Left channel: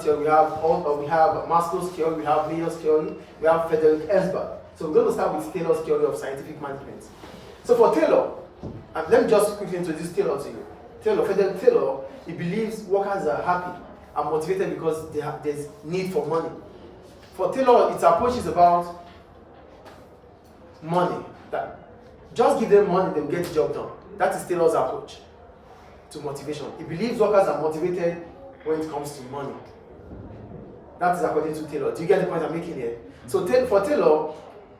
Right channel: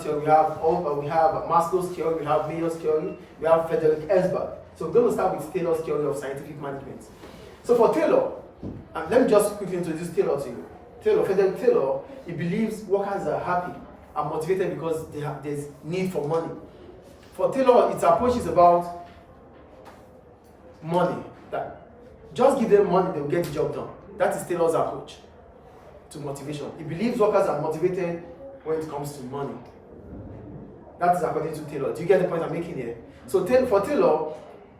theory, we have Maslow's theory, we have Mayer's theory, we have Frederick Esberg. So we're going to start with Taylor's theory of scientific management. So for Taylor, and let me just quickly introduce Taylor to you. Frederick Taylor, he believes workers are happy and motivated because there's need for money. For Taylor, its approach is about money. That just give them money, they'll get the job done. That is Taylor's approach to motivation. He believes workers are motivated when it comes to money. That is according to Taylor. Do you get the point I'm making here? So for Taylor,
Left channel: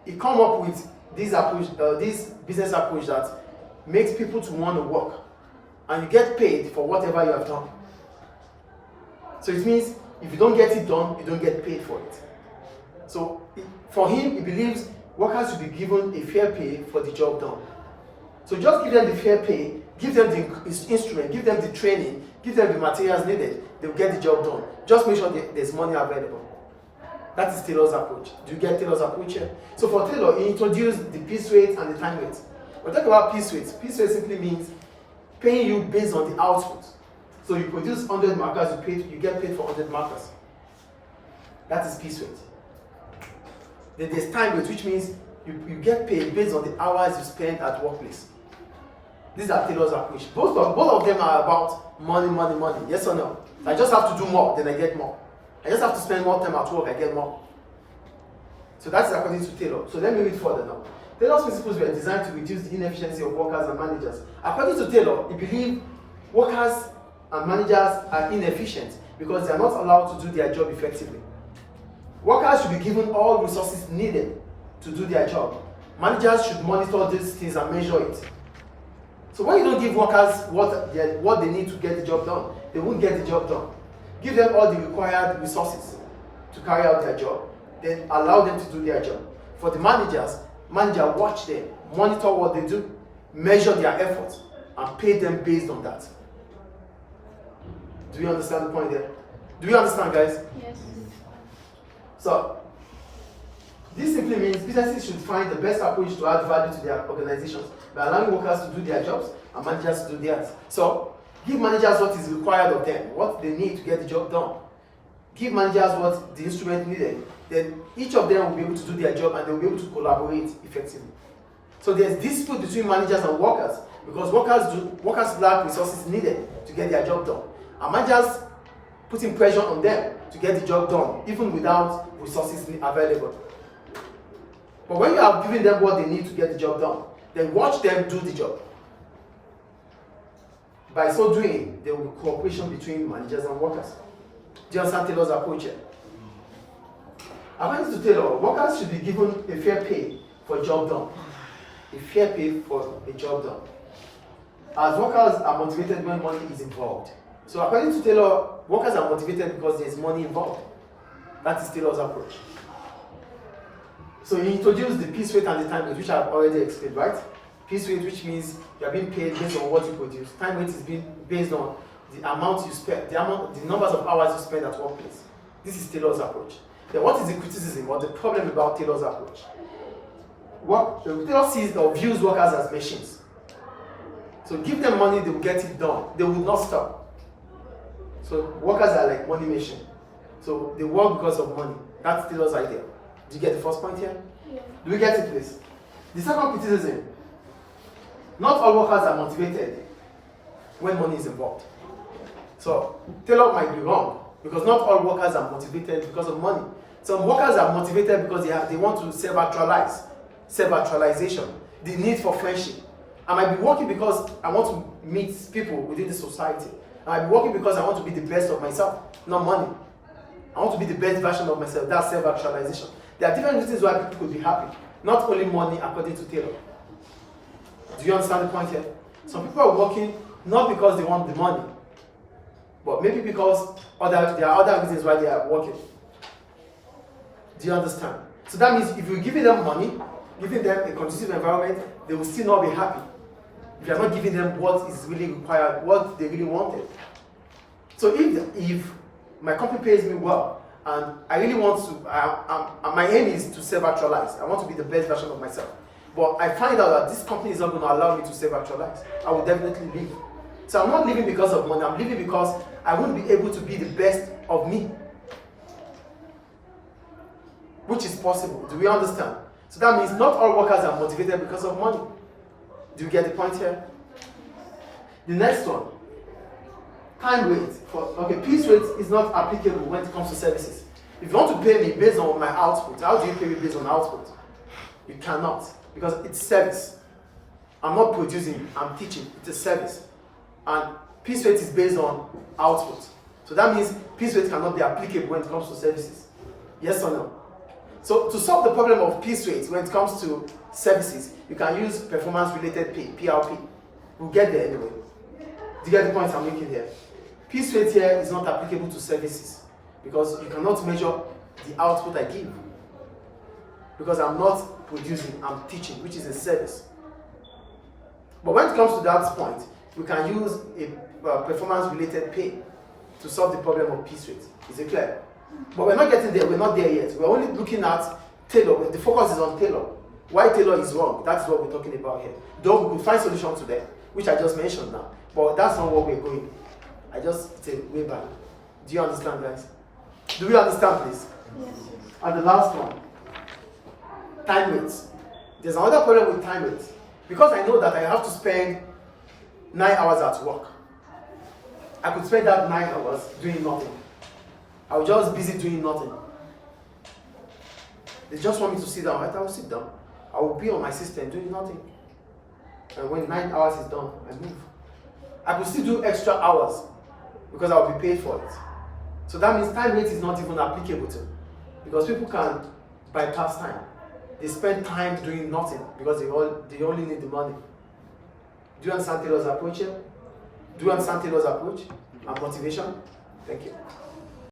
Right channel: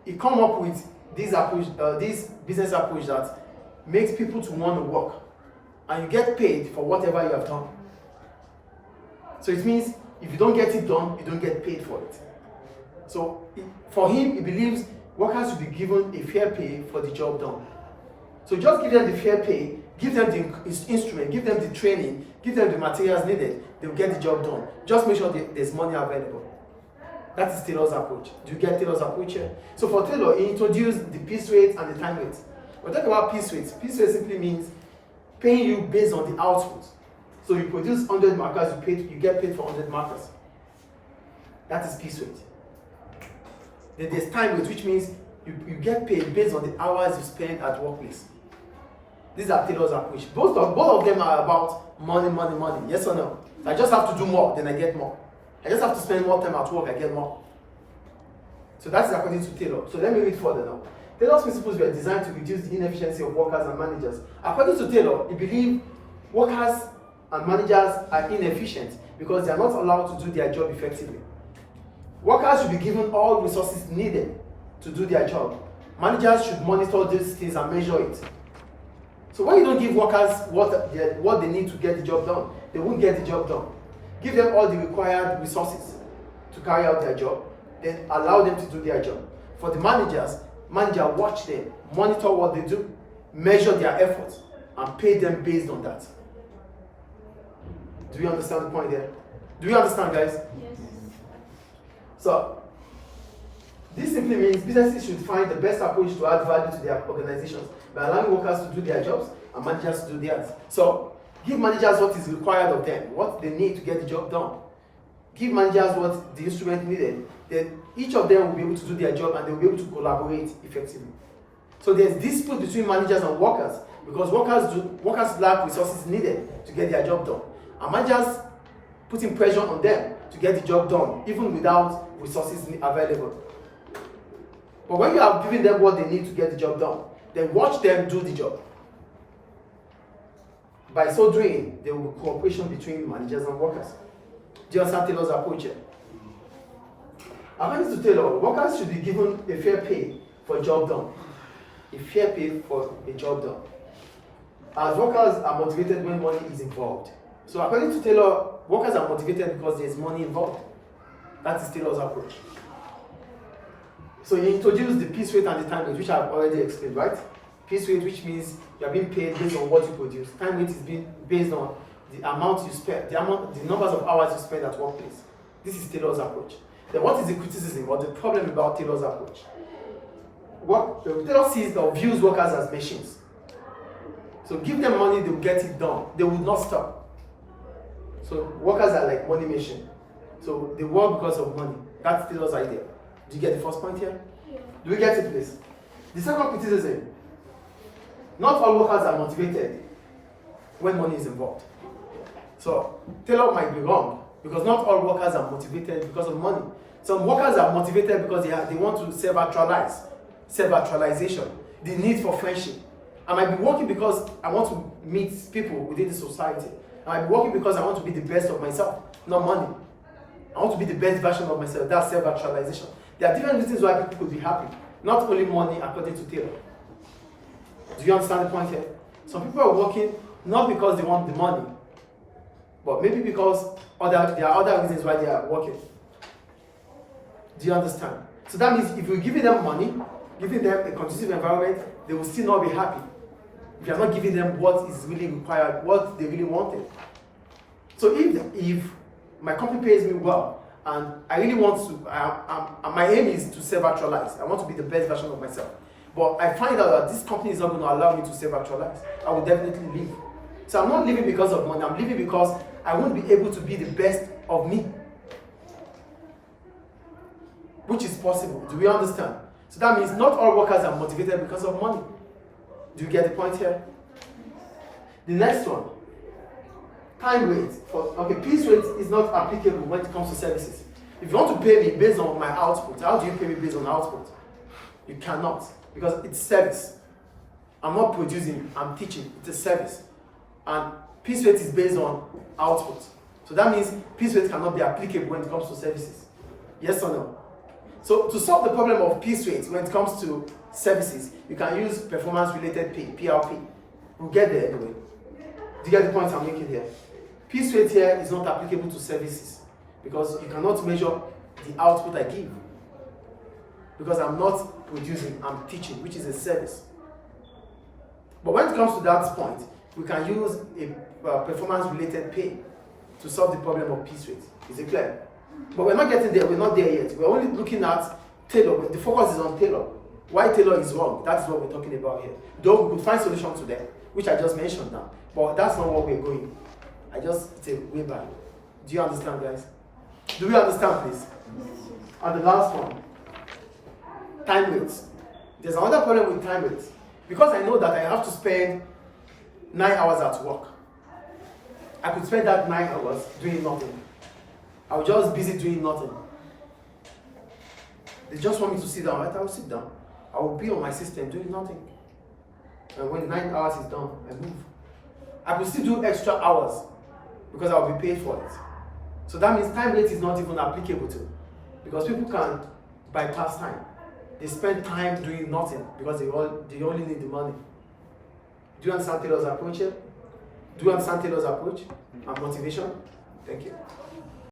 he come up with this business approach that makes people to want to work, and you get paid for whatever you have done. So it means if you don't get it done, you don't get paid for it. So for him, he believes workers should be given a fair pay for the job done. So just give them the fair pay, give them the instrument, give them the training, give them the materials needed, they'll get the job done. Just make sure there's money available. That is Taylor's approach. Do you get Taylor's approach here? So for Taylor, he introduced the piece rate and the time rate. We're talking about piece rate. Piece rate simply means paying you based on the output. So you produce 100 markers, you get paid for 100 markers. That is piece rate. Then there's time rate, which means you get paid based on the hours you spend at workplace. These are Taylor's approach. Both of them are about money, money, money. Yes or no? So I just have to do more, then I get more. I just have to spend more time at work, I get more. So that is according to Taylor. So let me read further now. Taylor's principles were designed to reduce the inefficiency of workers and managers. According to Taylor, he believed workers and managers are inefficient because they are not allowed to do their job effectively. Workers should be given all resources needed to do their job. Managers should monitor these things and measure it. So when you don't give workers what they need to get the job done, they won't get the job done. Give them all the required resources to carry out their job, then allow them to do their job. For the manager watch them, monitor what they do, measure their efforts, and pay them based on that. Do you understand the point there? Do you understand, guys? Yes. So, this simply means businesses should find the best approach to add value to their organizations by allowing workers to do their jobs and managers to do theirs. So, give managers what is required of them, what they need to get the job done. Give managers what the instrument needed. Then each of them will be able to do their job and they will be able to collaborate effectively. So there's dispute between managers and workers because workers lack resources needed to get their job done. And managers putting pressure on them to get the job done, even without resources available. But when you are giving them what they need to get the job done, then watch them do the job. By so doing, there will be cooperation between managers and workers. Do you understand Taylor's approach here? According to Taylor, workers should be given a fair pay for a job done. A fair pay for a job done. As workers are motivated when money is involved. So according to Taylor, workers are motivated because there's money involved. That is Taylor's approach. So he introduced the piece rate and the time rate, which I've already explained, right? Piece rate, which means you are being paid based on what you produce. Time rate is being based on the amount you spend, the numbers of hours you spend at workplace. This is Taylor's approach. Then what is the criticism or the problem about Taylor's approach? Taylor sees or views workers as machines. So give them money, they will get it done. They will not stop. So workers are like money machine. So they work because of money. That's Taylor's idea. Do you get the first point here? Yeah. Do we get it, please? The second criticism. Not all workers are motivated when money is involved. So Taylor might be wrong because not all workers are motivated because of money. Some workers are motivated because they want to self-actualize, self-actualization, the need for friendship. I might be working because I want to meet people within the society. I might be working because I want to be the best of myself, not money. I want to be the best version of myself. That's self-actualization. There are different reasons why people could be happy. Not only money, according to Taylor. Do you understand the point here? Some people are working not because they want the money, but maybe because there are other reasons why they are working. Do you understand? So that means if you're giving them money, giving them a conducive environment, they will still not be happy. If you are not giving them what is really required, what they really wanted. So if my company pays me well, and I really want to, my aim is to self-actualize. I want to be the best version of myself. But I find out that this company is not going to allow me to self-actualize. I will definitely leave. So I'm not leaving because of money. I'm leaving because I won't be able to be the best of me. which is possible. Do we understand? So that means not all workers are motivated because of money. Do you get the point here? The next one, time rate. Piece rate is not applicable when it comes to services. If you want to pay me based on my output, how do you pay me based on output? You cannot, because it's service. I'm not producing, I'm teaching. It's a service. And piece rate is based on output. So that means piece rate cannot be applicable when it comes to services. Yes or no? So to solve the problem of piece rate when it comes to services, you can use performance-related pay, PRP. We'll get there anyway. Do you get the point I'm making here? Piece rate here is not applicable to services because you cannot measure the output I give. Because I'm not producing, I'm teaching, which is a service. But when it comes to that point, we can use a performance-related pay to solve the problem of piece rate. Is it clear? But we're not getting there, we're not there yet. We're only looking at Taylor. The focus is on Taylor. Why Taylor is wrong, that's what we're talking about here. Though we could find solutions to that, which I just mentioned now. But that's not where we're going. It's a way back. Do you understand, guys? Do we understand, please? And the last one, time rates. There's another problem with time rates. Because I know that I have to spend 9 hours at work. I could spend that 9 hours doing nothing. I was just busy doing nothing. They just want me to sit down, right? I will sit down. I will be on my system doing nothing. And when 9 hours is done, I move. I could still do extra hours because I will be paid for it. So that means time rate is not even applicable to, because people can bypass time. They spend time doing nothing because they only need the money. Do you understand Taylor's approach here? Do you understand Taylor's approach and motivation? Thank you.